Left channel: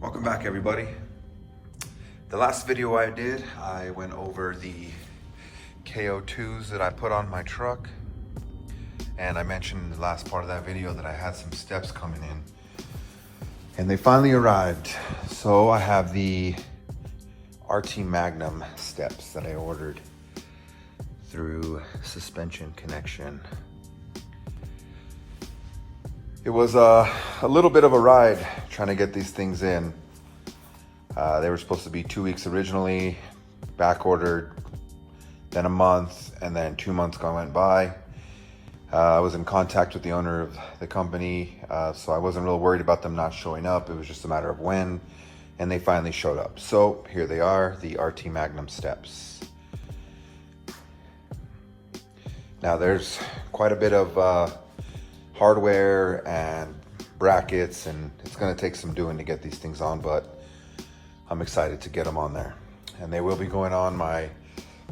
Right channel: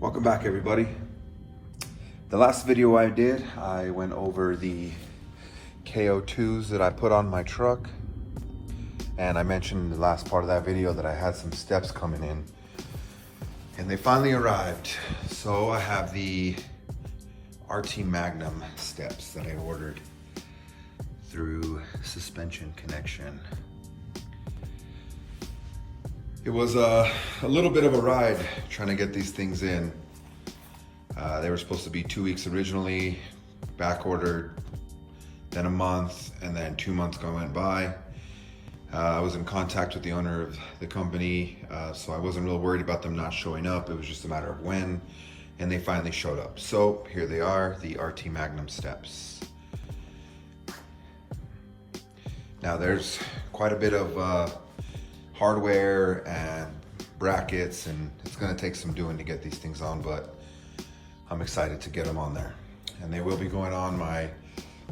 Welcome back, everybody. The last video I did, I went over the KO2s that I put on my truck, and I mentioned in the last part of that video that I had some steps coming in, and they finally arrived. So I have the RT Magnum steps that I ordered through Suspension Connection. It was a little bit of a ride trying to get these things in. They were supposed to be 2 weeks originally, back ordered, then a month, and then 2 months went by. I was in contact with the owner of the company, so I wasn't real worried about them not showing up. It was just a matter of when, and they finally showed up. So here they are, the RT Magnum steps. Now there's quite a bit of hardware and brackets, and it's going to take some doing to get these things on, but I'm excited to get them on there. And they will be going on my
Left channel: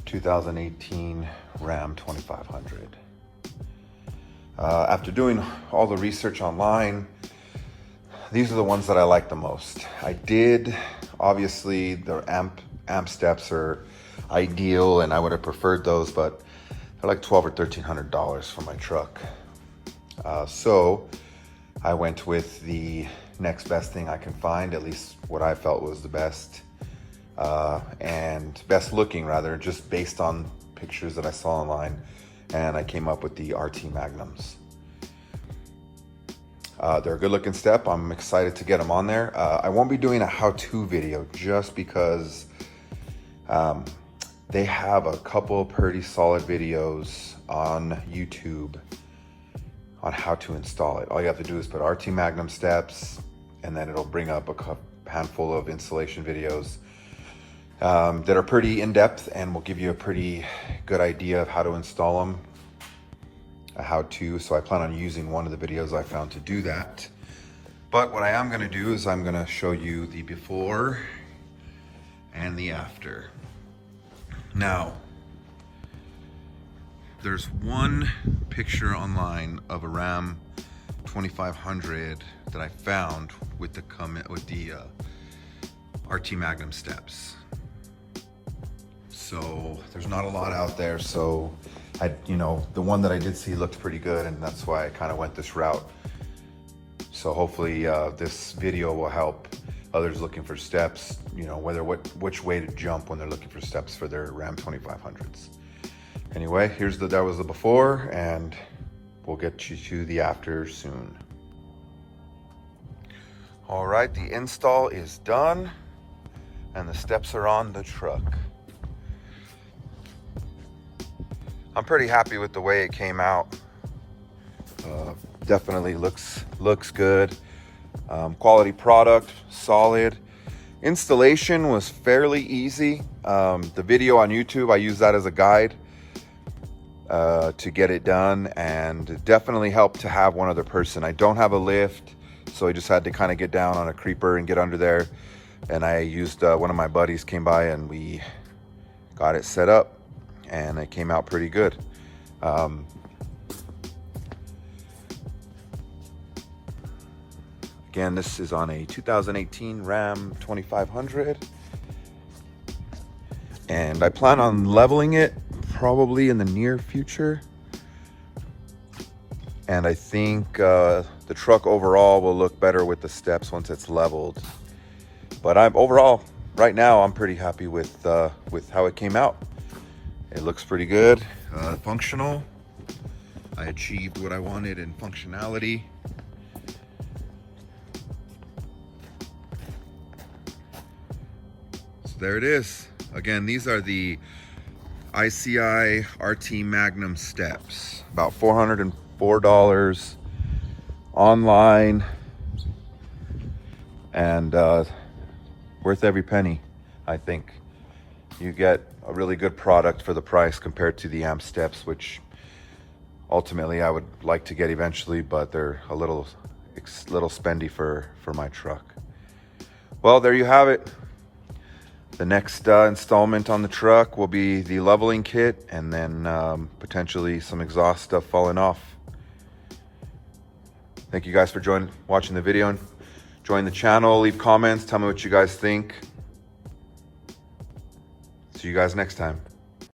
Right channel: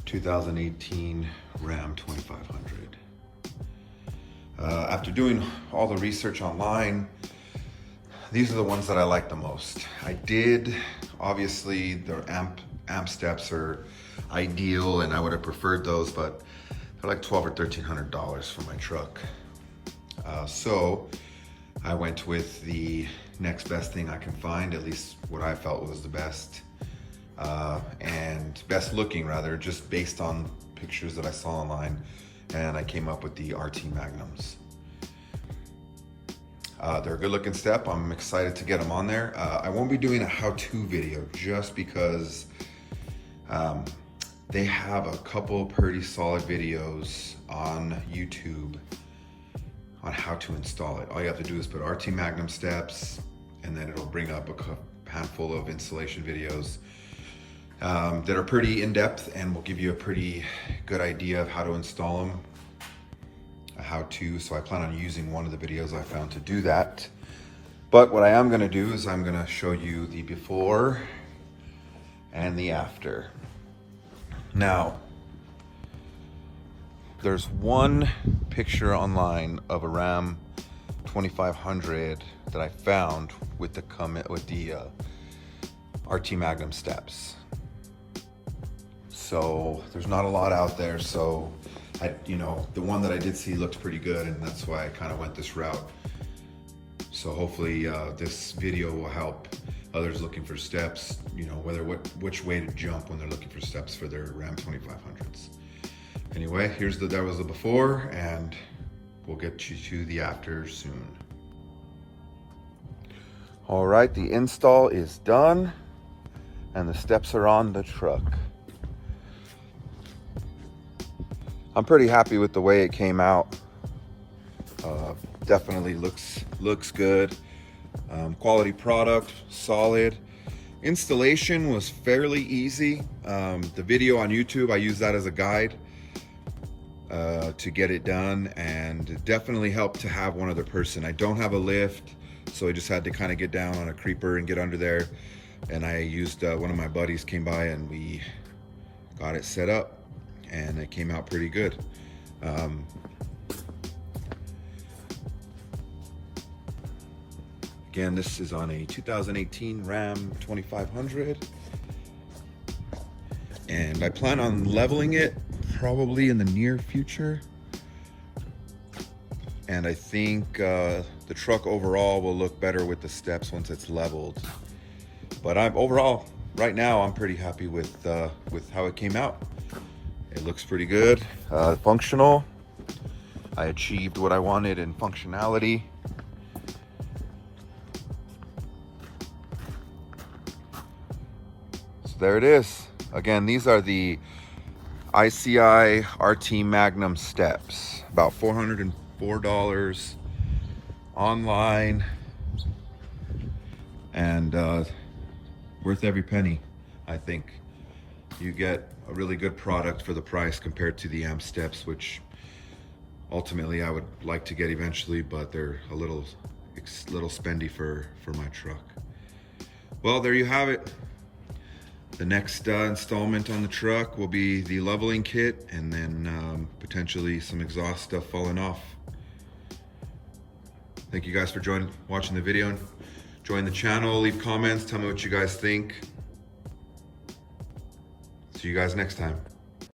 2018 Ram 2500. After doing all the research online, these are the ones that I like the most. Obviously the amp steps are ideal and I would have preferred those, but they're like $1,200 or $1,300 for my truck. So I went with the next best thing I can find, at least what I felt was the best and best looking, rather, just based on pictures that I saw online, and I came up with the RT Magnums. They're a good looking step. I'm excited to get them on there. I won't be doing a how-to video just because they have a couple pretty solid videos on YouTube on how to install it. All you have to do is put RT Magnum steps, and then it'll bring up a handful of installation videos that are pretty in-depth and will give you a pretty good idea of how to install them, so I plan on using one of the videos I found to do that. But what I am going to do is I'm going to show you the before and the after. Now, there's one picture online of a Ram 2500 that I found with the RT Magnum steps. So there's not a lot out there. So the one that I did see looked pretty good, and that's why I kind of went this route. So hopefully this video will help others looking for steps, which way to jump when they're looking for steps for their Ram 2500s. Anyway, that was the before, and we'll get you to the after soon. All right, the install is done, and the steps are on the truck. I'm pretty happy with the way it came out. Definitely looks good. Quality product, solid. Installation was fairly easy. The video on YouTube, I use that as a guide to get it done, and it definitely helped to have one other person. I don't have a lift, so I just had to kind of get down on a creeper and get under there, and I used one of my buddies came by and we got it set up, and it came out pretty good. Again, this is on a 2018 Ram 2500, and I plan on leveling it probably in the near future, and I think the truck overall will look better with the steps once it's leveled. But overall right now I'm pretty happy with how it came out. It looks pretty good, functional. I achieved what I wanted in functionality. So there it is. Again, these are the ICI RT Magnum steps, about $404 online, and worth every penny. I think you get a really good product for the price compared to the amp steps, which ultimately I would like to get eventually, but they're a little spendy for my truck. Well, there you have it. The next installment on the truck will be the leveling kit, and then potentially some exhaust stuff falling off. Thank you guys for watching the video, and Join the channel, leave comments, tell me what you guys think. See you guys next time.